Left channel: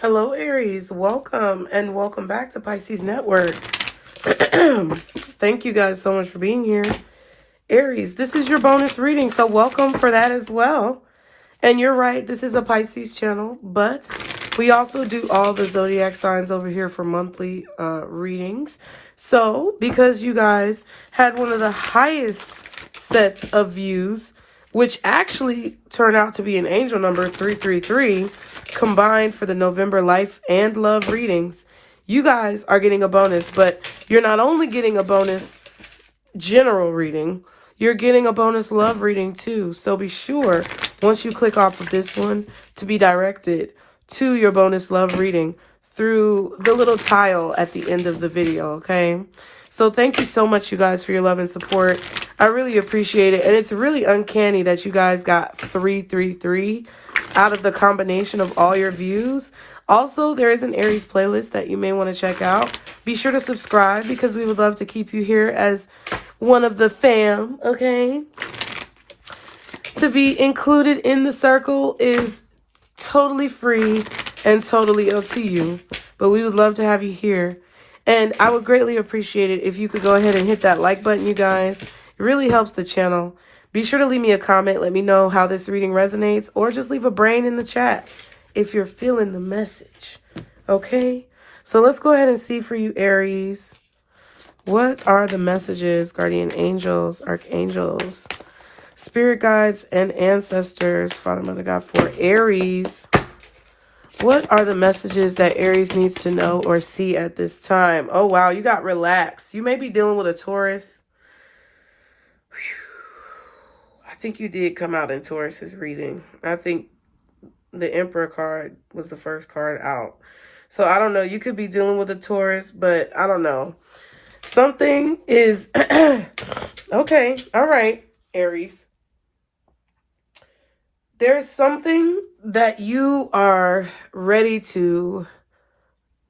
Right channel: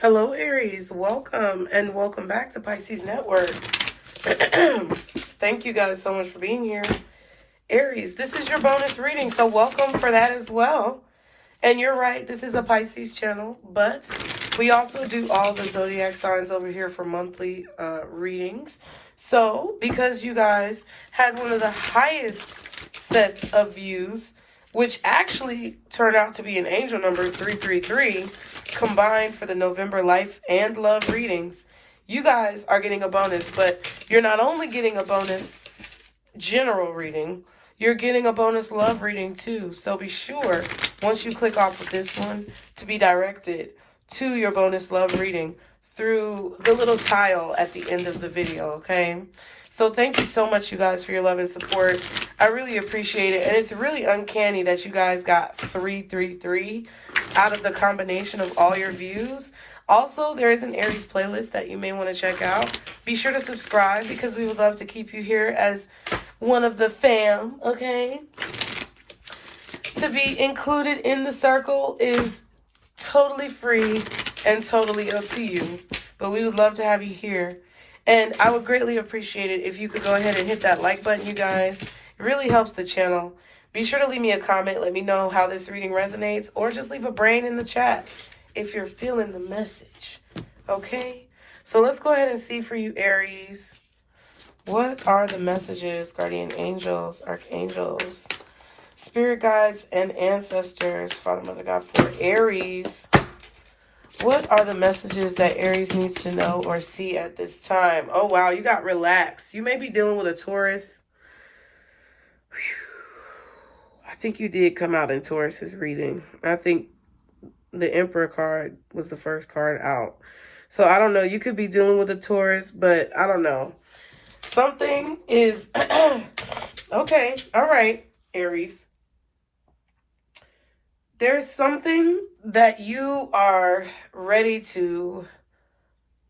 Hello, Aries. Welcome and welcome back to Pisces Network. Thank you guys so much for being here. Aries, this is your bonus reading, so welcome for that as well. And you're right, this is a Pisces channel, but we also do all the zodiac signs over here for monthly readings. So, because you guys had one of the highest sets of views, which actually turned out to be an angel number 333, combined for the November life and love readings, you guys are getting a bonus. But you're not only getting a bonus general reading, you're getting a bonus love reading too. So be sure, once you click off of this one, to be directed to your bonus love reading through the little tile at the end of the video, okay? So thank you so much, you guys, for your love and support. I really appreciate it. And it's really uncanny that you guys got 333 out of the combination of all your views. Also, there is an Aries playlist that you may want to check out. Be sure to subscribe because we would love to keep you here as one of the fam, okay? To be included in the circle is totally free and totally up to you. But we would love to have you here. And I would greatly appreciate it if you could go ahead and hit that like button, you guys. It really helps the channel. Be sure to leave me a comment. Let me know how this reading resonates. Or just leave a brain in the chat if you're feeling the message. Okay? So let's go ahead and see for you, Aries. What are the messages, guardian angels, archangels, spirit guides, and ancestors, Father, Mother, God, for Aries? What are the messages that Aries needs to know or see at this time? Oh, wow. You got relaxed. You may be dealing with a Taurus. Whew. I think you did come out in Taurus's reading. I think the Emperor card was the first card out. So I don't know. You could be dealing with a Taurus, but I don't know. Something is... Okay. All right, Aries. There's something that you are ready to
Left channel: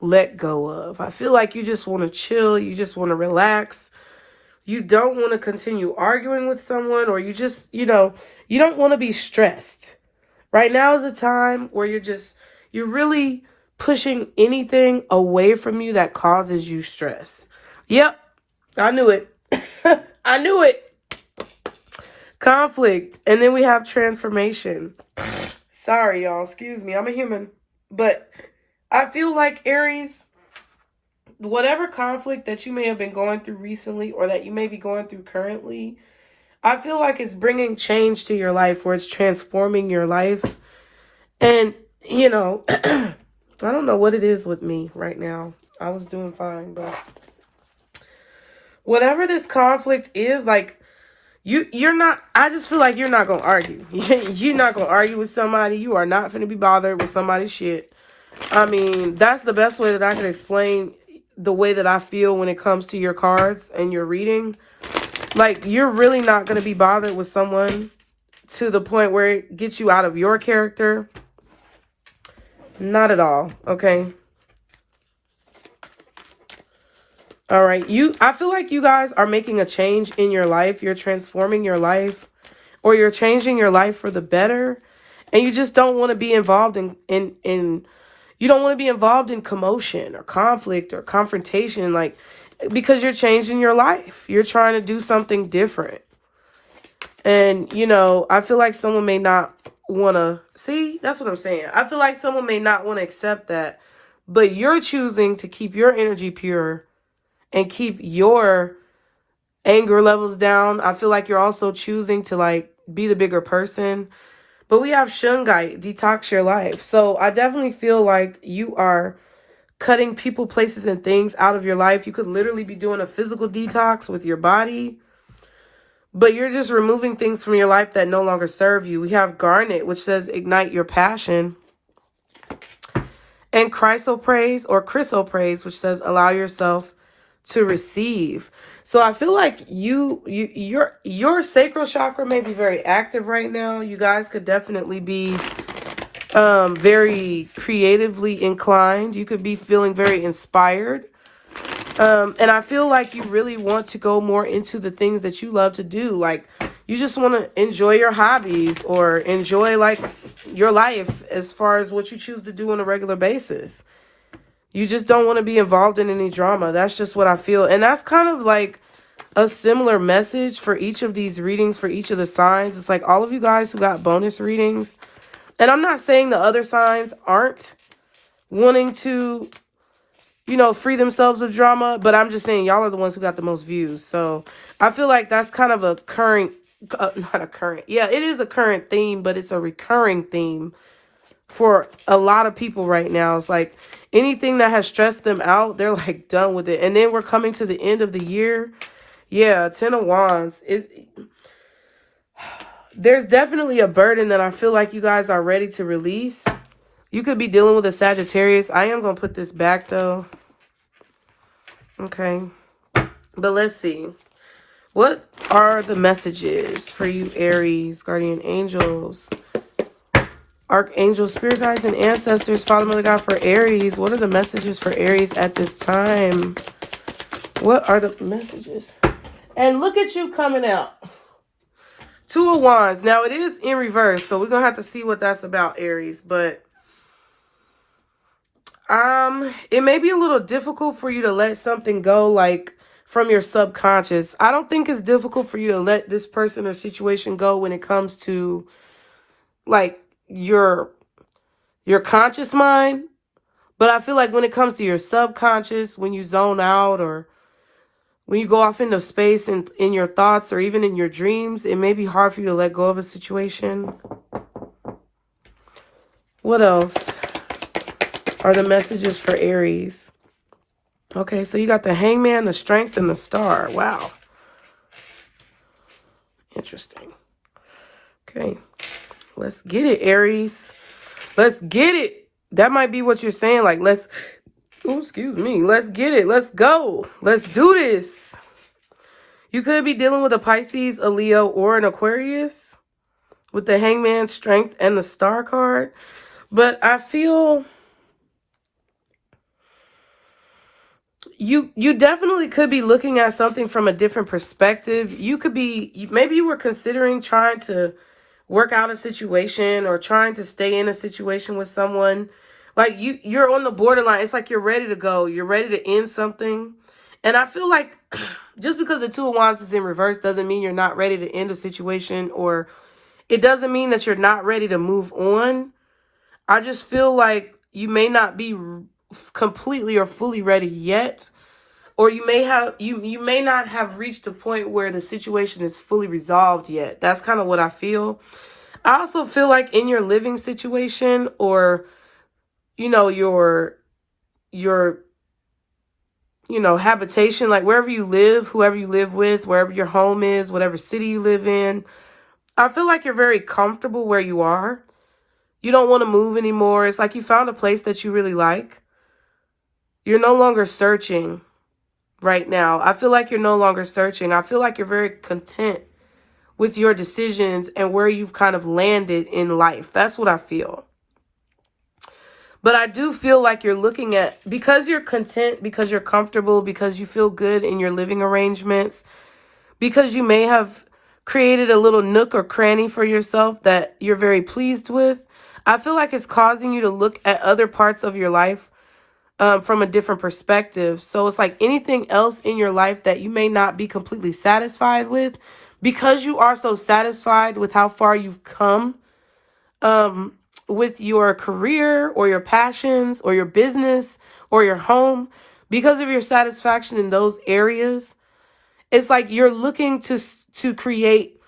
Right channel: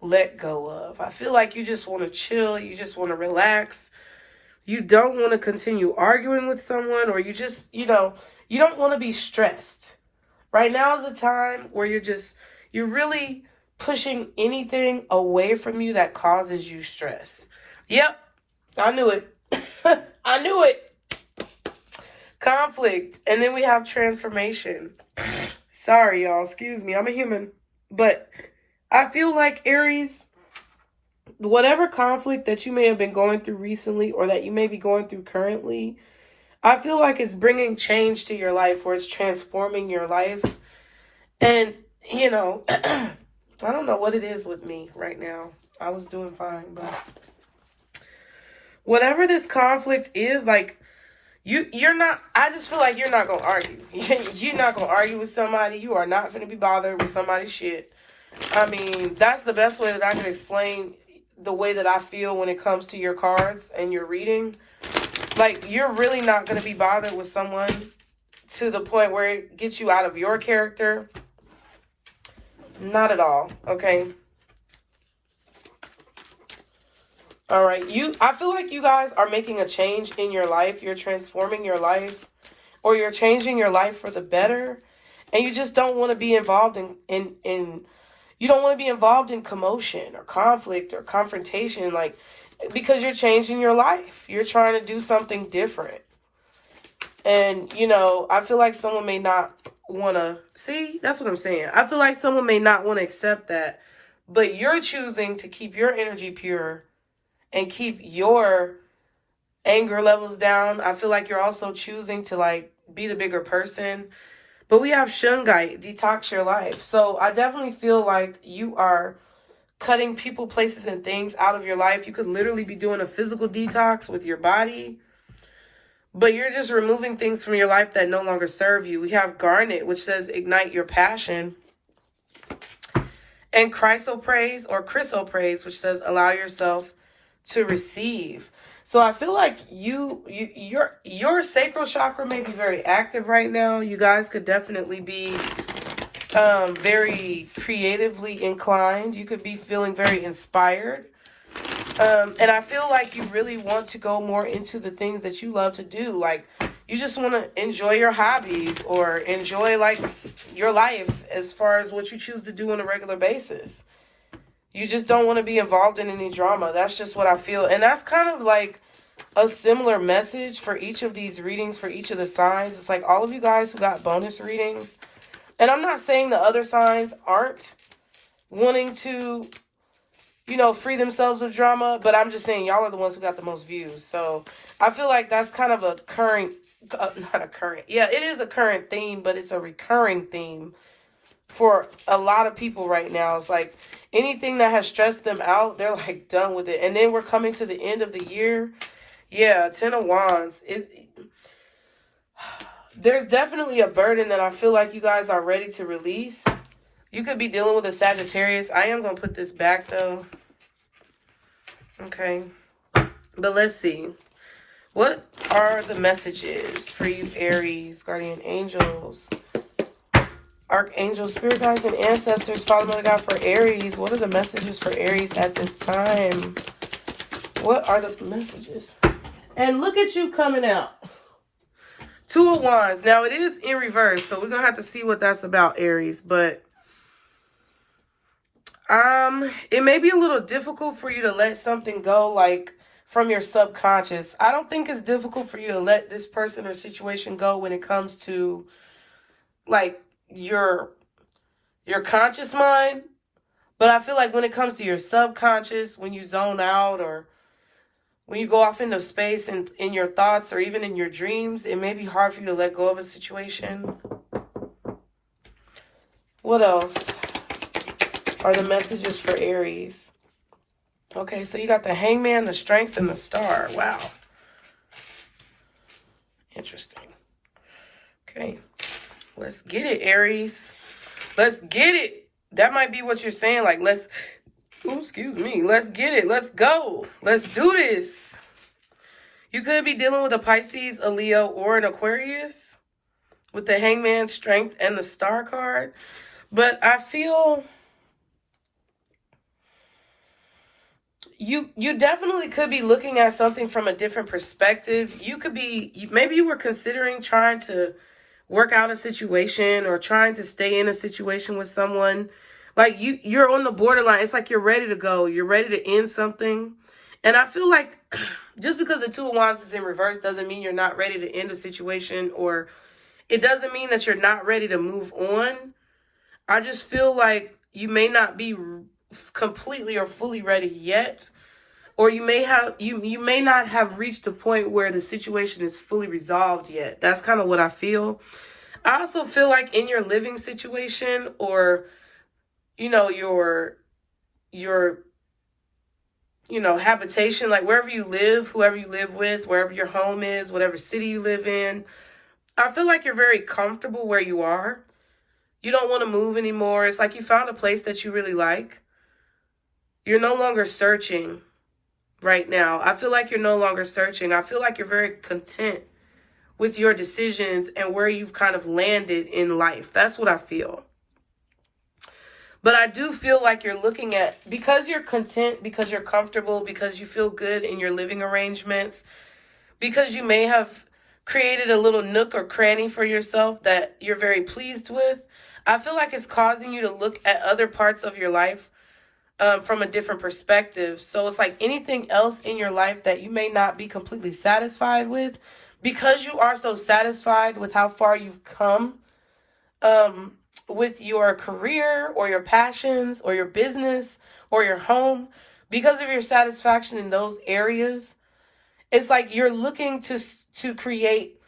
let go of. I feel like you just want to chill. You just want to relax. You don't want to continue arguing with someone, or you just, you don't want to be stressed. Right now is a time where you're really pushing anything away from you that causes you stress. Yep, I knew it. I knew it. Conflict. And then we have transformation. Sorry, y'all. Excuse me. I'm a human. But I feel like, Aries, whatever conflict that you may have been going through recently or that you may be going through currently, I feel like it's bringing change to your life, where it's transforming your life. And, I don't know what it is with me right now. I was doing fine, but whatever this conflict is, like, you're not, I just feel like you're not going to argue. You're not going to argue with somebody. You are not going to be bothered with somebody's shit. I mean, that's the best way that I can explain the way that I feel when it comes to your cards and your reading. Like, you're really not going to be bothered with someone to the point where it gets you out of your character. Not at all, okay? All right, I feel like you guys are making a change in your life. You're transforming your life, or you're changing your life for the better. And you just don't want to be involved in you don't want to be involved in commotion or conflict or confrontation, like, because you're changing your life. You're trying to do something different. And, I feel like someone may not want to, see, that's what I'm saying. I feel like someone may not want to accept that, but you're choosing to keep your energy pure and keep your anger levels down. I feel like you're also choosing to, like, be the bigger person. But we have Shungite, detox your life. So I definitely feel like you are cutting people, places, and things out of your life. You could literally be doing a physical detox with your body, but you're just removing things from your life that no longer serve you. We have Garnet, which says ignite your passion. And Chrysoprase, or Chrysoprase, which says allow yourself to receive. So I feel like your sacral chakra may be very active right now. You guys could definitely be very creatively inclined. You could be feeling very inspired. And I feel like you really want to go more into the things that you love to do. Like, you just want to enjoy your hobbies or enjoy like your life as far as what you choose to do on a regular basis. You just don't want to be involved in any drama. That's just what I feel. And that's kind of like a similar message for each of these readings, for each of the signs. It's like all of you guys who got bonus readings. And I'm not saying the other signs aren't wanting to, you know, free themselves of drama. But I'm just saying y'all are the ones who got the most views. So I feel like that's kind of a current, not a current. Yeah, it is a current theme, but it's a recurring theme for a lot of people right now. It's like anything that has stressed them out, they're like done with it. And then we're coming to the end of the year. Yeah, 10 of Wands. There's definitely a burden that I feel like you guys are ready to release. You could be dealing with a Sagittarius. I am going to put this back though. Okay. But let's see. What are the messages for you, Aries, guardian angels, archangels, spirit guides, and ancestors, Father, Mother God, for Aries? What are the messages for Aries at this time? What are the messages? And look at you coming out. 2 of Wands. Now, it is in reverse, so we're going to have to see what that's about, Aries. But it may be a little difficult for you to let something go, like, from your subconscious. I don't think it's difficult for you to let this person or situation go when it comes to, like, your conscious mind. But I feel like when it comes to your subconscious, when you zone out or when you go off into space and in your thoughts or even in your dreams, it may be hard for you to let go of a situation. What else are the messages for Aries? Okay, so you got the Hangman, the Strength, and the Star. Wow. Interesting. Okay. Let's get it, Aries. Let's get it. That might be what you're saying. Like, let's get it. Let's go. Let's do this. You could be dealing with a Pisces, a Leo, or an Aquarius with the Hangman, Strength, and the Star card. But I feel you definitely could be looking at something from a different perspective. You could be, maybe you were considering trying to work out a situation or trying to stay in a situation with someone. Like you're on the borderline. It's like you're ready to go. You're ready to end something. And I feel like just because the 2 of Wands is in reverse doesn't mean you're not ready to end a situation, or it doesn't mean that you're not ready to move on. I just feel like you may not be completely or fully ready yet, or you may not have reached a point where the situation is fully resolved yet. That's kind of what I feel. I also feel like in your living situation, or you know, your habitation, like wherever you live, whoever you live with, wherever your home is, whatever city you live in, I feel like you're very comfortable where you are. You don't want to move anymore. It's like you found a place that you really like. You're no longer searching right now. I feel like you're no longer searching. I feel like you're very content with your decisions and where you've kind of landed in life. That's what I feel. But I do feel like you're looking at, because you're content, because you're comfortable, because you feel good in your living arrangements, because you may have created a little nook or cranny for yourself that you're very pleased with. I feel like it's causing you to look at other parts of your life from a different perspective. So it's like anything else in your life that you may not be completely satisfied with, because you are so satisfied with how far you've come with your career or your passions or your business or your home, because of your satisfaction in those areas, it's like you're looking to create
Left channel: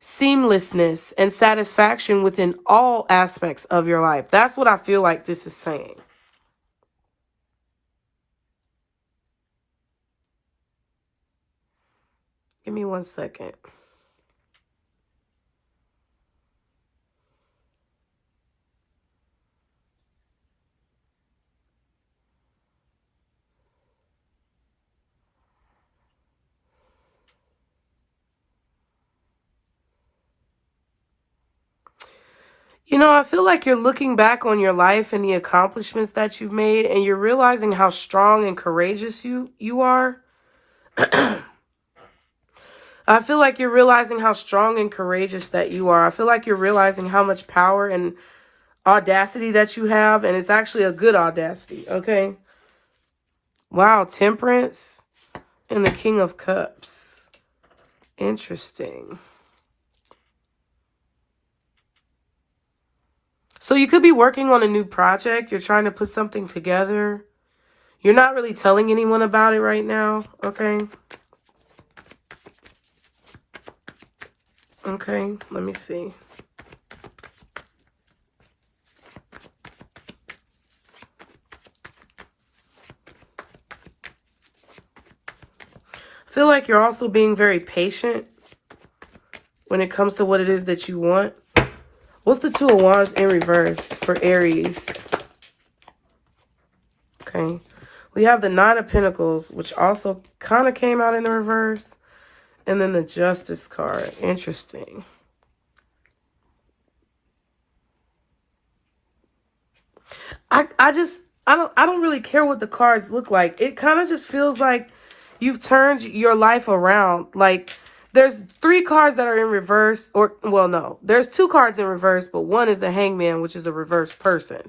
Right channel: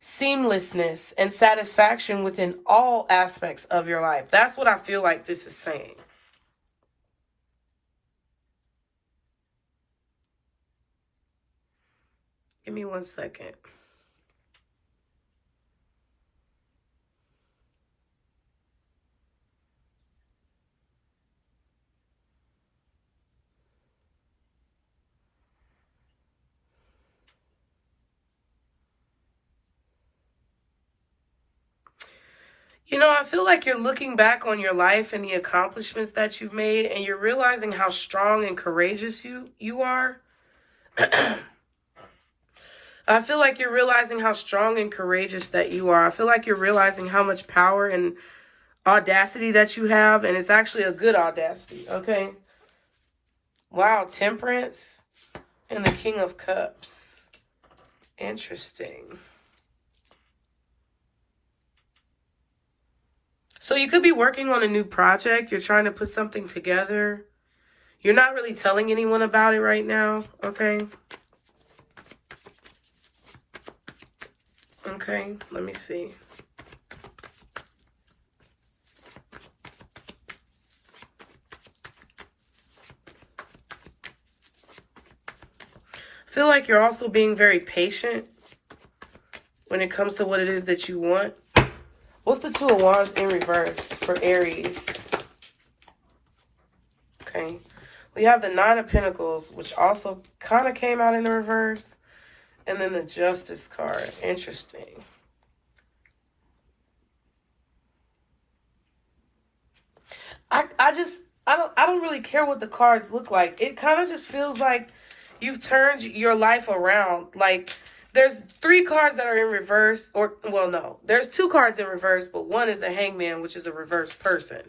seamlessness and satisfaction within all aspects of your life. That's what I feel like this is saying. Give me 1 second. You know, I feel like you're looking back on your life and the accomplishments that you've made, and you're realizing how strong and courageous you are. I feel like you're realizing how strong and courageous that you are. I feel like you're realizing how much power and audacity that you have, and it's actually a good audacity, okay? Wow, Temperance and the King of Cups. Interesting. So you could be working on a new project. You're trying to put something together. You're not really telling anyone about it right now, okay? Okay, let me see. I feel like you're also being very patient when it comes to what it is that you want. What's the Two of Wands in reverse for Aries? Okay. We have the Nine of Pentacles, which also kind of came out in the reverse. And then the Justice card. Interesting. I don't really care what the cards look like. It kind of just feels like you've turned your life around. Like, there's 3 cards that are in reverse, or, well, no, there's 2 cards in reverse, but one is the Hangman, which is a reverse person.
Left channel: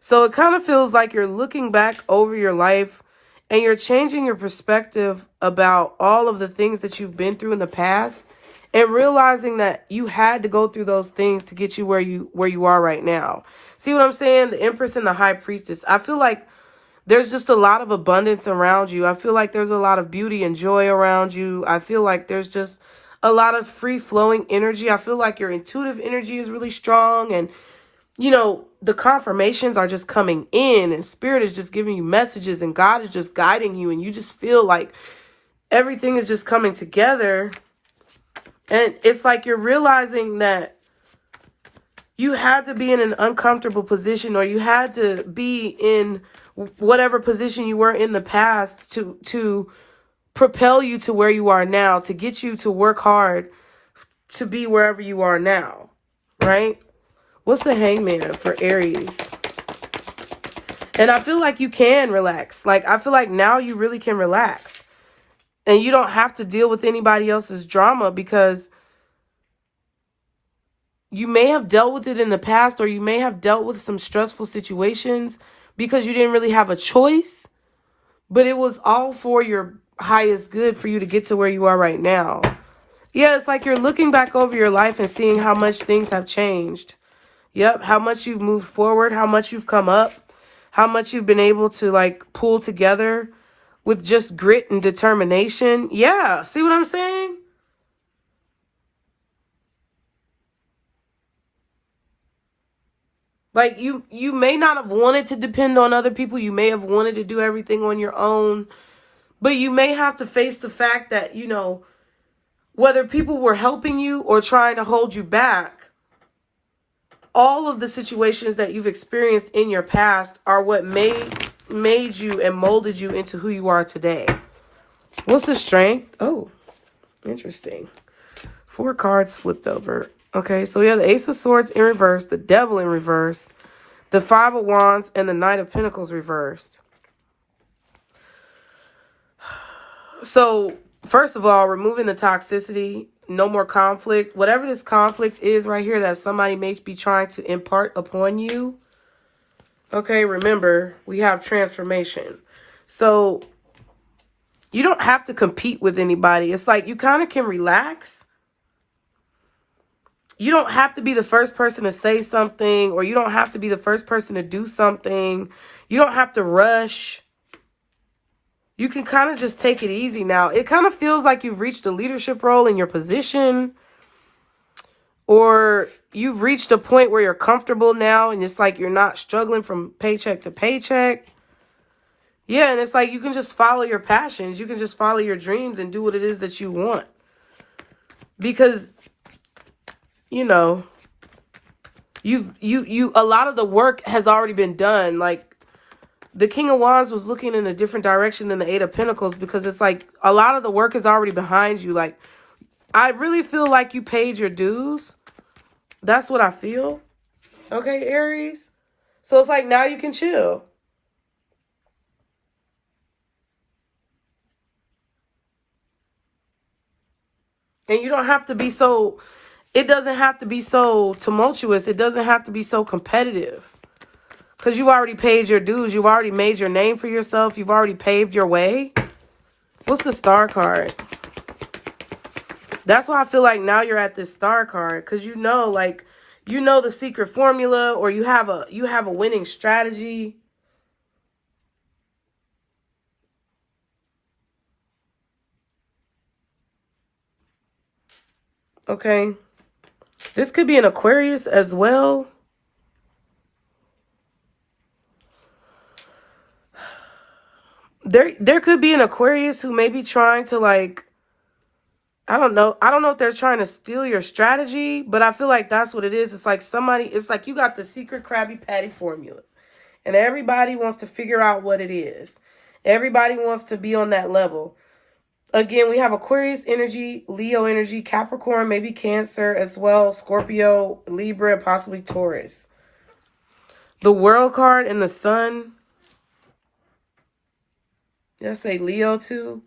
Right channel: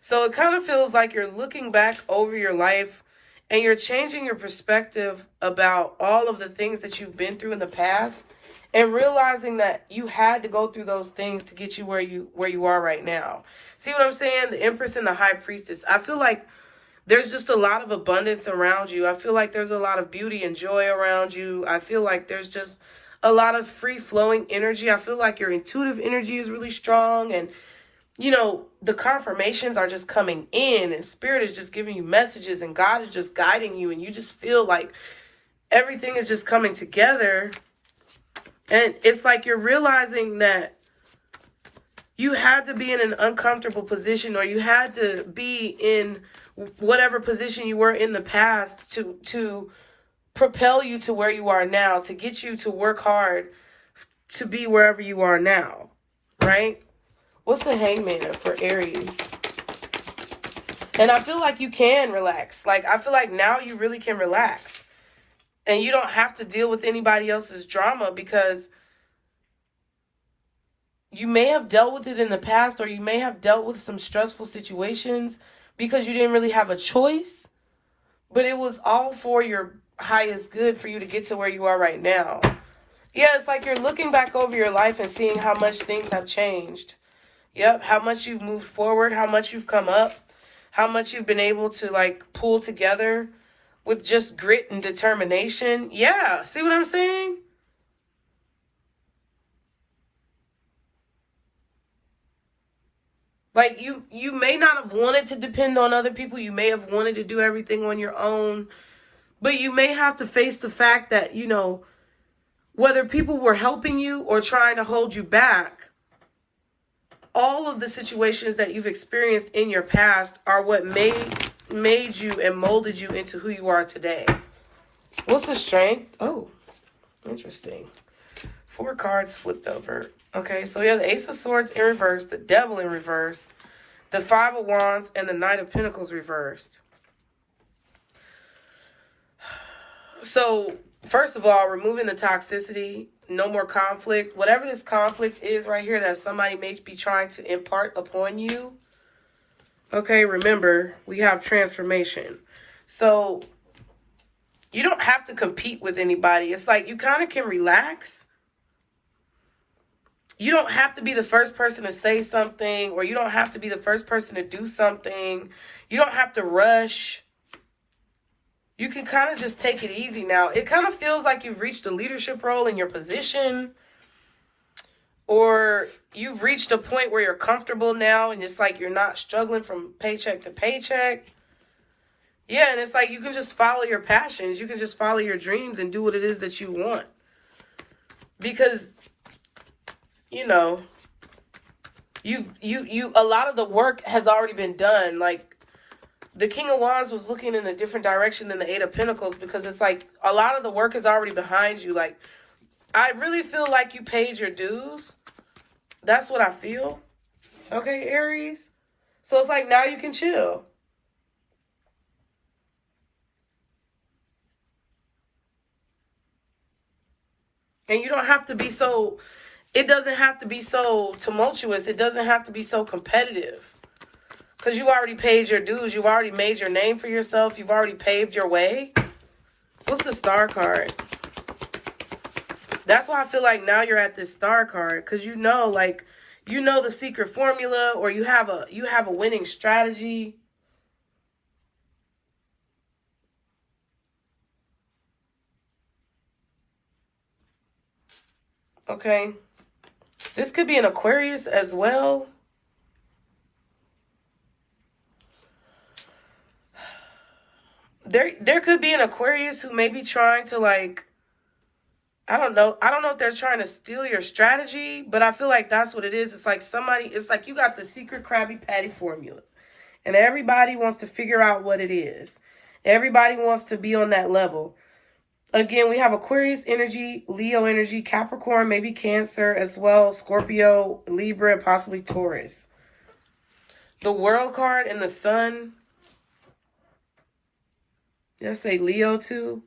So it kind of feels like you're looking back over your life and you're changing your perspective about all of the things that you've been through in the past and realizing that you had to go through those things to get you where you are right now. See what I'm saying? The Empress and the High Priestess. I feel like there's just a lot of abundance around you. I feel like there's a lot of beauty and joy around you. I feel like there's just a lot of free-flowing energy. I feel like your intuitive energy is really strong. And, you know, the confirmations are just coming in. And Spirit is just giving you messages. And God is just guiding you. And you just feel like everything is just coming together. And it's like you're realizing that you had to be in an uncomfortable position, or you had to be in whatever position you were in the past to propel you to where you are now, to get you to work hard to be wherever you are now, right? What's the Hangman for Aries? And I feel like you can relax. Like, I feel like now you really can relax. And you don't have to deal with anybody else's drama, because you may have dealt with it in the past, or you may have dealt with some stressful situations because you didn't really have a choice, but it was all for your highest good for you to get to where you are right now. Yeah, it's like you're looking back over your life and seeing how much things have changed. Yep, how much you've moved forward, how much you've come up, how much you've been able to, like, pull together with just grit and determination. Yeah, see what I'm saying? Like, you may not have wanted to depend on other people. You may have wanted to do everything on your own. But you may have to face the fact that, you know, whether people were helping you or trying to hold you back, all of the situations that you've experienced in your past are what made you and molded you into who you are today. What's the Strength? Oh, interesting. 4 cards flipped over. Okay, so we have the Ace of Swords in reverse, the Devil in reverse, the 5 of Wands, and the Knight of Pentacles reversed. So, first of all, removing the toxicity, no more conflict. Whatever this conflict is right here that somebody may be trying to impart upon you. Okay, remember, we have transformation. So, you don't have to compete with anybody. It's like you kind of can relax. You don't have to be the first person to say something, or you don't have to be the first person to do something. You don't have to rush. You can kind of just take it easy now. It kind of feels like you've reached a leadership role in your position, or you've reached a point where you're comfortable now and it's like you're not struggling from paycheck to paycheck. Yeah, and it's like you can just follow your passions. You can just follow your dreams and do what it is that you want. Because, you know, a lot of the work has already been done. Like, the King of Wands was looking in a different direction than the 8 of Pentacles, because it's like a lot of the work is already behind you. Like, I really feel like you paid your dues. That's what I feel. Okay, Aries? So it's like now you can chill. And you don't have to be so, it doesn't have to be so tumultuous. It doesn't have to be so competitive. Because you've already paid your dues. You've already made your name for yourself. You've already paved your way. What's the Star card? That's why I feel like now you're at this Star card. Because you know, like, you know the secret formula, or you have a winning strategy. Okay. This could be an Aquarius as well. There could be an Aquarius who may be trying to, like, I don't know if they're trying to steal your strategy, but I feel like that's what it is. It's like it's like you got the secret Krabby Patty formula, and everybody wants to figure out what it is. Everybody wants to be on that level. Again, we have Aquarius energy, Leo energy, Capricorn, maybe Cancer as well, Scorpio, Libra, and possibly Taurus. The World card and the Sun. Did I say Leo too?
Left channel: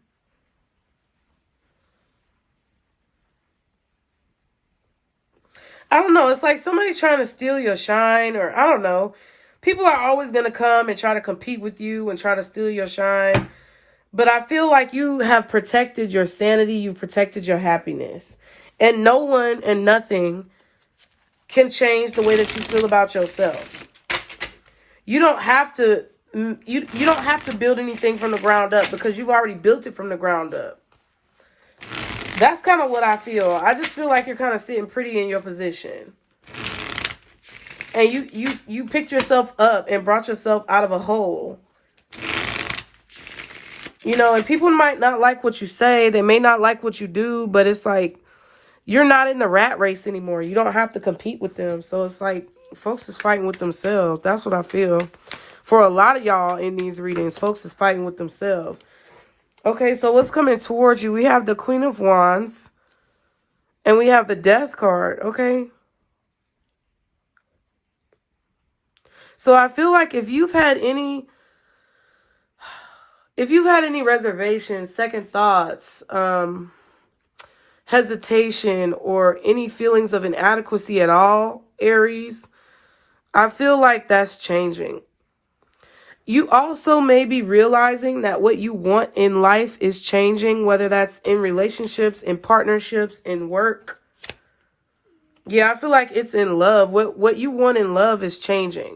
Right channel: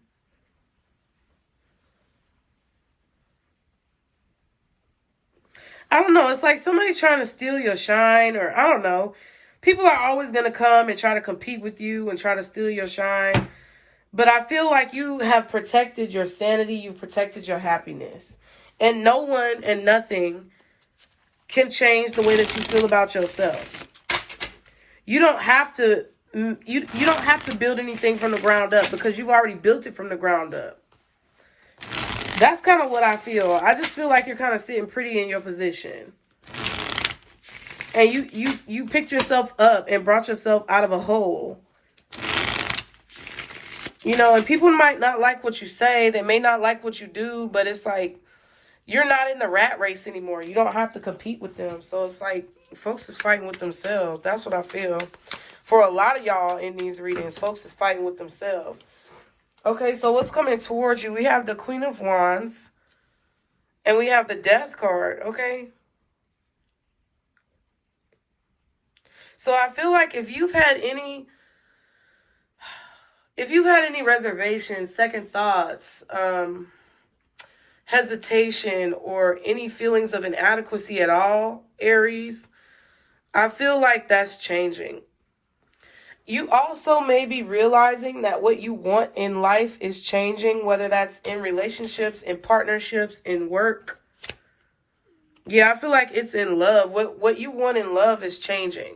I don't know. It's like somebody trying to steal your shine, or I don't know. People are always going to come and try to compete with you and try to steal your shine. But I feel like you have protected your sanity. You've protected your happiness. And no one and nothing can change the way that you feel about yourself. You don't have to you don't have to build anything from the ground up, because you've already built it from the ground up. That's kind of what I feel. I just feel like you're kind of sitting pretty in your position. And you picked yourself up and brought yourself out of a hole. You know, and people might not like what you say. They may not like what you do, but it's like you're not in the rat race anymore. You don't have to compete with them. So it's like folks is fighting with themselves. That's what I feel. For a lot of y'all in these readings, folks is fighting with themselves. Okay, so what's coming towards you? We have the Queen of Wands. And we have the Death card, okay? So I feel like if you've had any reservations, second thoughts, hesitation, or any feelings of inadequacy at all, Aries, I feel like that's changing. You also may be realizing that what you want in life is changing, whether that's in relationships, in partnerships, in work. Yeah, I feel like it's in love. What you want in love is changing.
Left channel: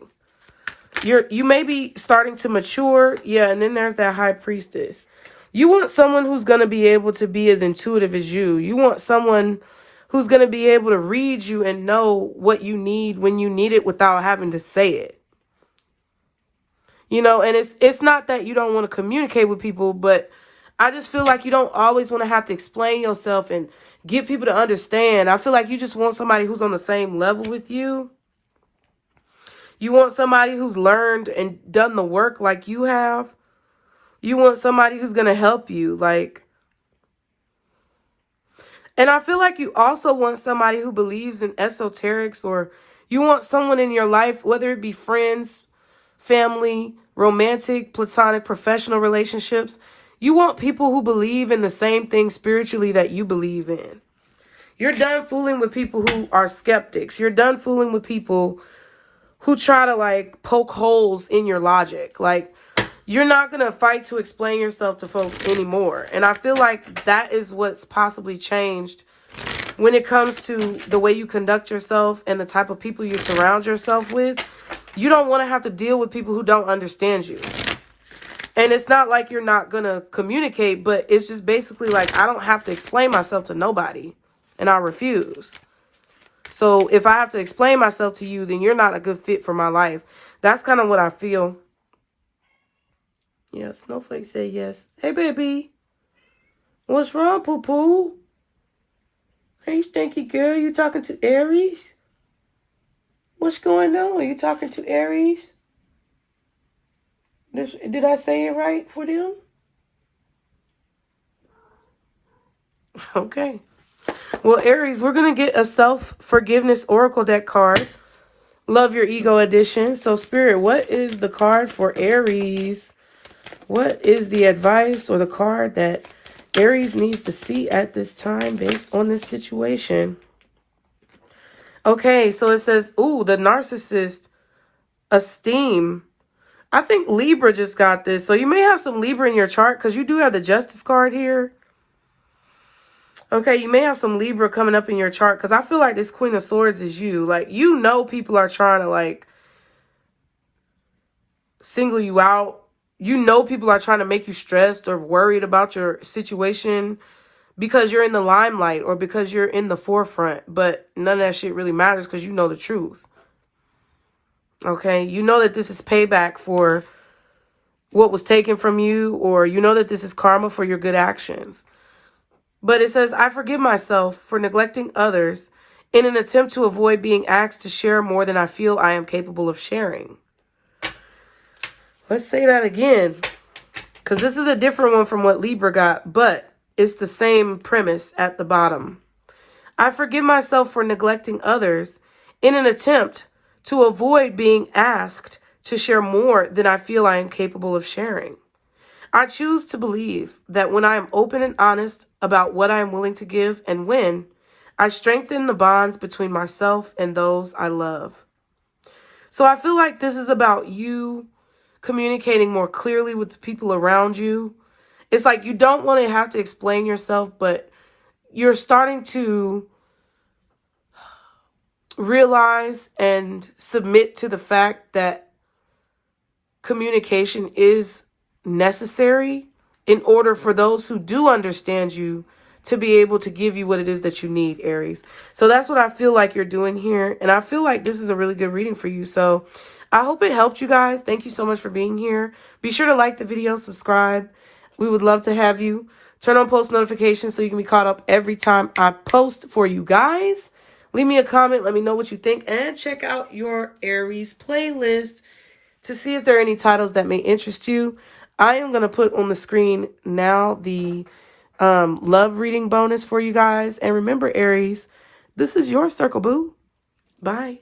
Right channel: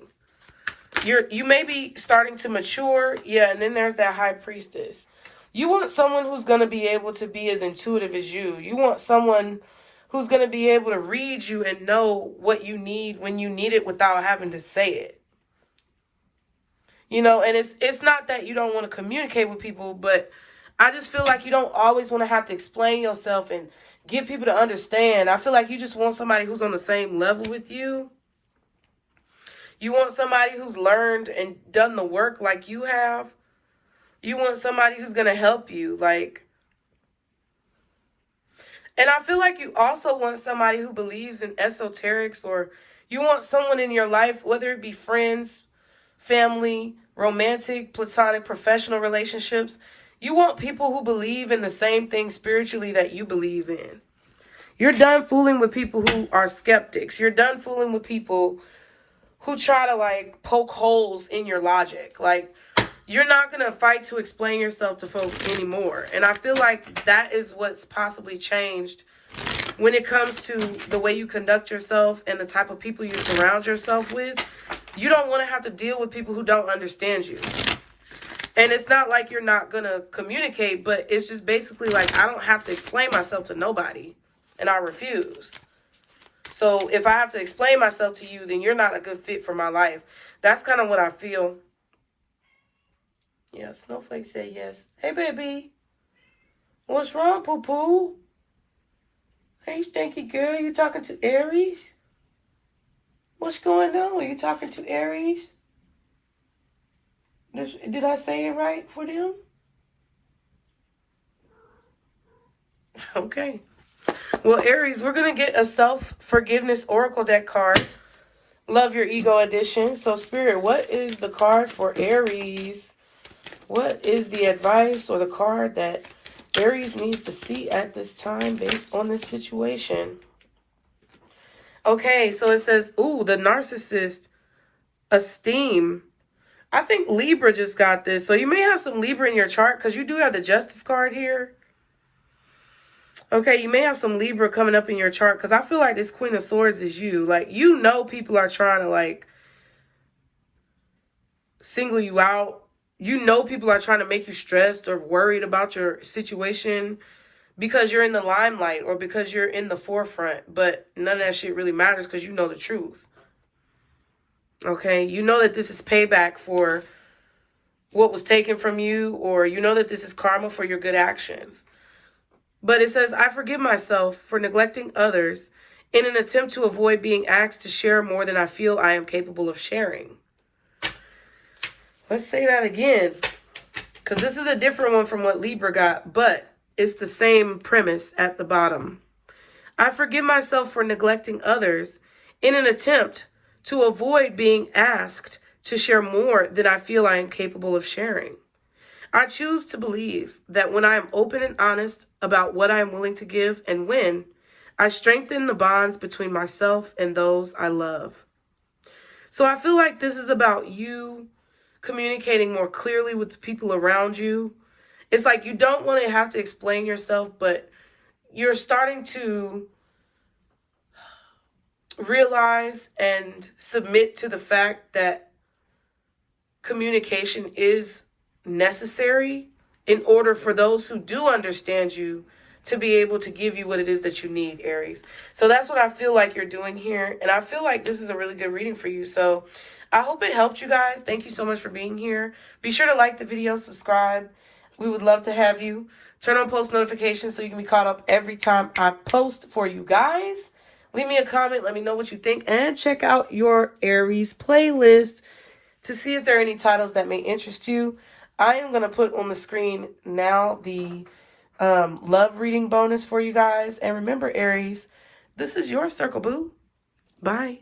You may be starting to mature. Yeah, and then there's that High Priestess. You want someone who's going to be able to be as intuitive as you. You want someone who's going to be able to read you and know what you need when you need it without having to say it. You know, and it's not that you don't want to communicate with people, but I just feel like you don't always want to have to explain yourself and get people to understand. I feel like you just want somebody who's on the same level with you. You want somebody who's learned and done the work like you have. You want somebody who's going to help you, like. And I feel like you also want somebody who believes in esoterics, or you want someone in your life, whether it be friends, family, romantic, platonic, professional relationships. You want people who believe in the same thing spiritually that you believe in. You're done fooling with people who are skeptics. You're done fooling with people who try to, like, poke holes in your logic. Like, you're not going to fight to explain yourself to folks anymore. And I feel like that is what's possibly changed when it comes to the way you conduct yourself and the type of people you surround yourself with. You don't want to have to deal with people who don't understand you. And it's not like you're not going to communicate, but it's just basically like, I don't have to explain myself to nobody, and I refuse. So if I have to explain myself to you, then you're not a good fit for my life. That's kind of what I feel. Yeah, Snowflake said yes. Hey, baby. What's wrong, poo-poo? Hey, stinky girl. You talking to Aries? What's going on? Are you talking to Aries? Did I say it right for them? Okay. Well, Aries, we're going to get a self-forgiveness oracle deck card. Love Your Ego edition. So, Spirit, what is the card for Aries? What is the advice or the card that Aries needs to see at this time based on this situation. Okay, so it says, ooh, the narcissist esteem. I think Libra just got this. So you may have some Libra in your chart because you do have the Justice card here. Okay, you may have some Libra coming up in your chart because I feel like this Queen of Swords is you. Like, you know people are trying to, like, single you out. You know people are trying to make you stressed or worried about your situation because you're in the limelight or because you're in the forefront. But none of that shit really matters because you know the truth. Okay, you know that this is payback for what was taken from you, or you know that this is karma for your good actions. But it says, I forgive myself for neglecting others in an attempt to avoid being asked to share more than I feel I am capable of sharing. Let's say that again, because this is a different one from what Libra got, but it's the same premise at the bottom. I forgive myself for neglecting others in an attempt to avoid being asked to share more than I feel I am capable of sharing. I choose to believe that when I am open and honest about what I am willing to give and when, I strengthen the bonds between myself and those I love. So I feel like this is about you communicating more clearly with the people around you. It's like you don't want to have to explain yourself, but you're starting to realize and submit to the fact that communication is necessary in order for those who do understand you to be able to give you what it is that you need, Aries. So that's what I feel like you're doing here. And I feel like this is a really good reading for you. So I hope it helped you guys. Thank you so much for being here. Be sure to like the video, subscribe. We would love to have you. Turn on post notifications so you can be caught up every time I post for you guys. Leave me a comment. Let me know what you think. And check out your Aries playlist to see if there are any titles that may interest you. I am going to put on the screen now the love reading bonus for you guys. And remember, Aries, this is your circle, boo. Bye.